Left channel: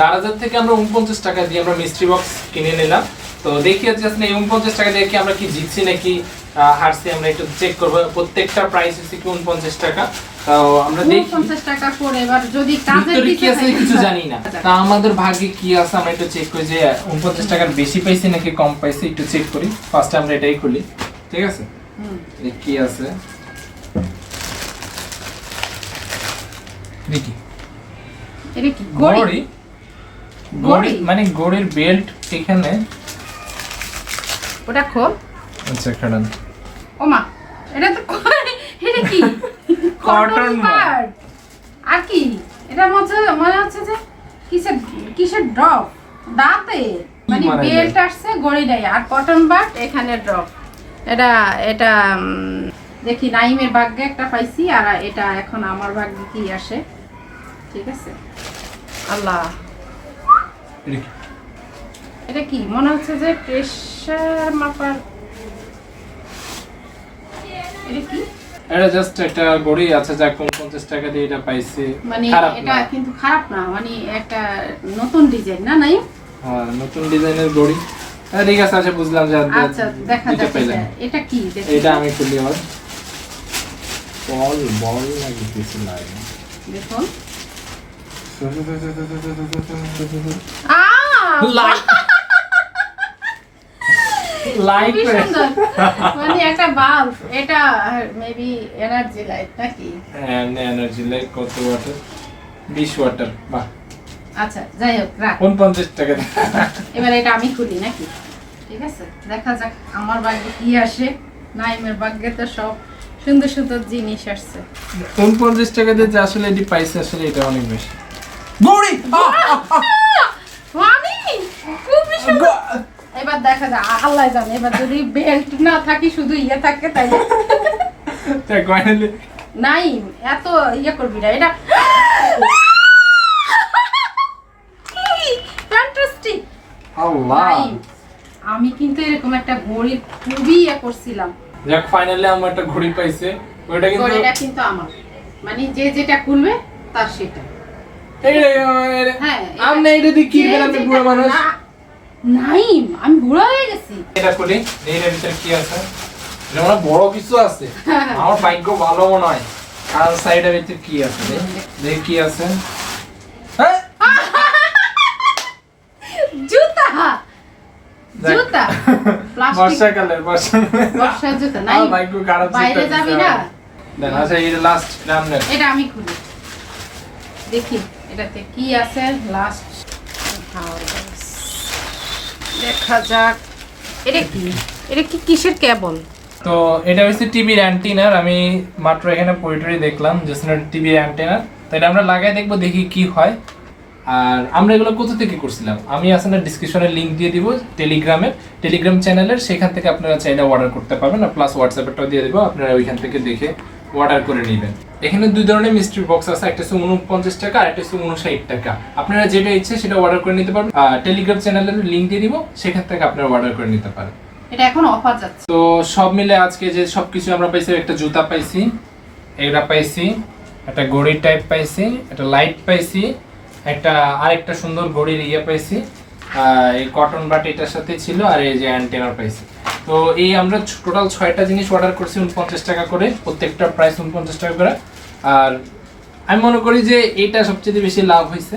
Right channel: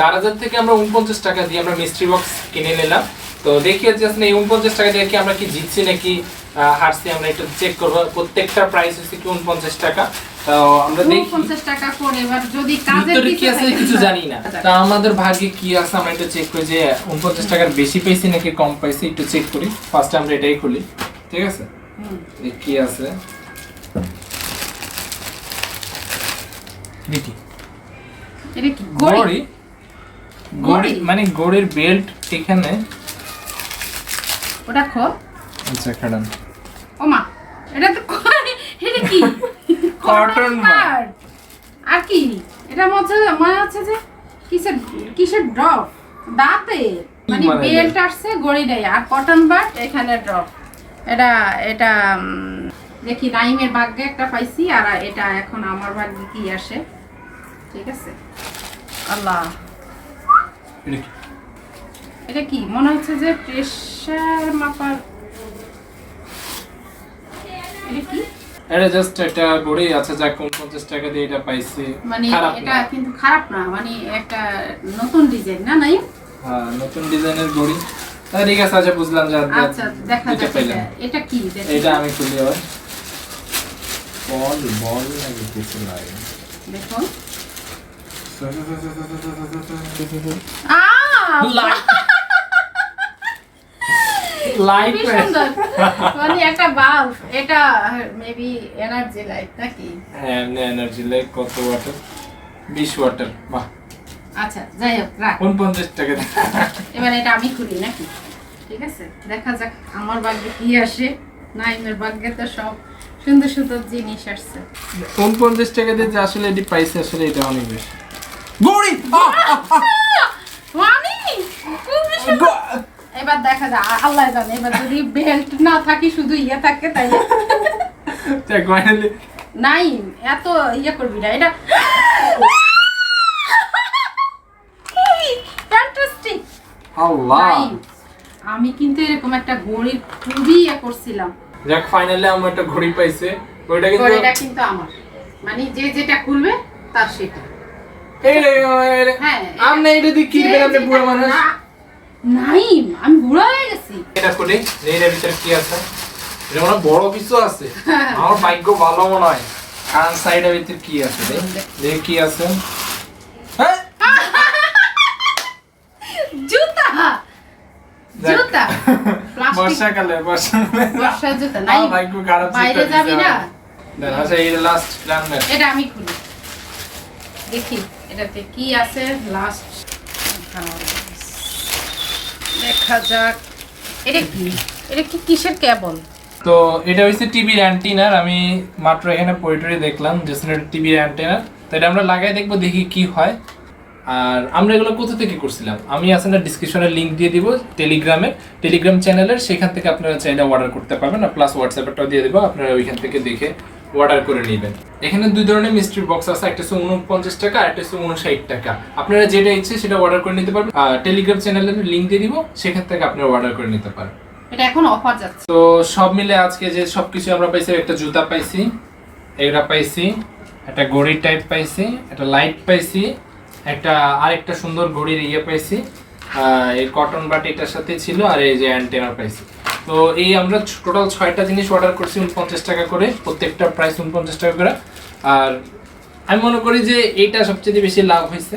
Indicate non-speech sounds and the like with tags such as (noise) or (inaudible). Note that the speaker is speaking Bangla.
দারাজার থেকে আমরা উনপঞ্চাশ টাকা দিয়ে আমরা মিস্ট্রি বক্স কিনে নিলাম। তো দেখি হচ্ছে আসলে এই উনপঞ্চাশ টাকা দিয়ে কি আমরা কি জিতছি নাকি হারছি আমরা একটু চেক করব। প্রত্যেকটা প্রাইস হচ্ছে কি উনপঞ্চাশ টাকা। তো আমরা দেখি টাকা করে এবার যদি ভিতরে কি আছে কিছু জানি না। তা আমাদের ভাগ্যে কি আছে আমরা একটু চেক করি যে উনপঞ্চাশ টাকার বেশি পাইছি নাকি কম পাইছি একটু চেক করি। ফার্স্ট আমরা এটাই খুলি। ঠিক আছে? কি আছে? দেখি এটা কি গড়ি গড়ি? মানে গড়ির বেল্ট এখানে। ওটা খোল। আচ্ছা খাড়ান। ও মা এটা তো এটা কি? (laughs) কটন। বাড আর কি? এটা মনে মনে হচ্ছে যে কিসের কিসের ড্রপ দাঁতে। মানে বেল্ট আসছে গড়ি নাই আর কটন বাট এখানে ড্রপ এটা এটা দেখি নাইমের ভাগ্যে একটা পাইছি আর এটা এখন আমার ভাগ্যে কি আসে? ঠিক আছে। আল্লাহ। এটা কি? মনে হচ্ছে যে প্রেসার মাপার এটা কি? এটা জাস্ট একটা গড়ি আছে যা উনপঞ্চাশ টাকা দিয়ে এটা পাইছি। মানে এটা কিন্তু খারাপ না মানে একটা নতুন ডিজাইন না নাই? হ্যাঁ নতুন ডিজাইনের গড়ি হ্যাঁ, ঠিক আছে আচ্ছা বুঝলাম যে আচ্ছা দেখা যাক এটা। কি। এটা আমি খুলি আবার। বল বল লাগিয়েছি নাই। দেখুন। (laughs) আহ, লাইট লাইট খুবই সুন্দর। মানে একটা বাল্ব এটা মেবি এনার্জি লাইট নাকি? এমনি এনার্জি লাইট কত ওয়াটার বিশ ওয়াটার বাহ। আচ্ছা যাই হোক রাখ। উনপঞ্চাশ টাকা এবার এটা আমি খুলি নাকি? ঠিক আছে? দেখা যাক আমার ভাগ্যে কি আসে। নাইমের ভাগ্যে তো সব সুন্দর সুন্দর জিনিস আসছে। উনপঞ্চাশ টাকা দিয়ে যে আসলে এটি পাইছে আসলে এটা অনেক বেশি। গড়ি খুবই সুন্দর। এবার দেখা যায় আল্লাহ জানে এবার যদি বেল্ট না থাকি শুধু ইয়ে থাকে তাই ফাইনালি নাই এত ইয়ে করবি না এটা ফ্যান্টাস্টিক আল্লাহ। নাই আমি কিন্তু এরকম একটা ঘড়ির খুবই ইয়ে করছিলাম। যাক ফাইনালি আমার একটা ঘড়ি পাইছে। ওইটা কিন্তু আমার। মানে যে যেটা খুলবে তার সেটা। আপনি এটা দিয়ে কি আপনি বুড়া মানুষ? না- আমি বুড়া হয়ে গেছি। এটা খুলি এর ভিতরে কি আছে? এটা মনে বড় কিছু আছে। (laughs) আমার ভাগ্য ভালো মনে হয়। আর সাইডের ভিতরে কি আছে দেখি কি আছে? হ্যাঁ? (laughs) জুতা! জুতা! (laughs) প্লাস্টিক। বর্ষাকালে বর্ষার জুতা নাই ভাগ্য খারাপ বাইরে যাবি না? আচ্ছা এই লাস্ট রান্নার এটা আমি খুলি। দেখি। এটাতে কি আছে? লাস্ট দেখা যাক। এটা কি? এটা কি কিসের কেবল? তো এটা হচ্ছে টিভির অ্যান্টিনার আমি মাত্র এখানে পরিটরি দেখলাম, যে টিভির অ্যান্টিনার তো এটা আমরা লাগাই দেখব, দেখি কি হয়। আর আমরা এগুলো কোথা থেকে করছিলাম? আমি আসলে ডিসক্রিপশনে লিংক দিয়ে দিব টেলিগ্রামের টেলিগ্রাম চ্যানেলের সেখান থেকে আপনারা চাইলে অর্ডার করতে পারবেন। আর প্লাস হোয়াটসঅ্যাপেরটাও দিয়ে দেবো, আপনারা ওইখান থেকে দেখে অর্ডার করে নেবেন। এখানে দুই ধরনের মিস্ট্রি বক্স আছে একটা হচ্ছে উনপঞ্চাশ টাকা আর একটা হচ্ছে উনষাট টাকা। আপনারা যেটা ইচ্ছে সেটা অর্ডার করে নিতে পারবেন। টেলিগ্রাম চ্যানেলের লিংক দিয়ে দিব সেখান থেকে আপনারা অর্ডার করে নিতে পারেন। এটা এখন অফার যাচ্ছে। তো সব মিলে আজকে যে সবকিছু আমরা পাইছি একটা জুতা পাইছি এটা পাইছি একটা ঘড়ির টাইপ পাইছি একটা লাইট পাইছি একটা আরেকটা সুন্দর ঘড়ির ইয়ে পাইছি। এই কটন বাট এটার সাথে ছিল আর এই যে অ্যান্টেনার পাইছি। তো এই আমরা টোটাল ছয়টা জিনিস অর্ডার করছি উনপঞ্চাশ টাকা করে, প্রত্যেকটা প্রাইস উনপঞ্চাশ টাকা করে। আর আমি মনে করি যে এইটা সবচেয়ে বেশি লাভ হয়েছে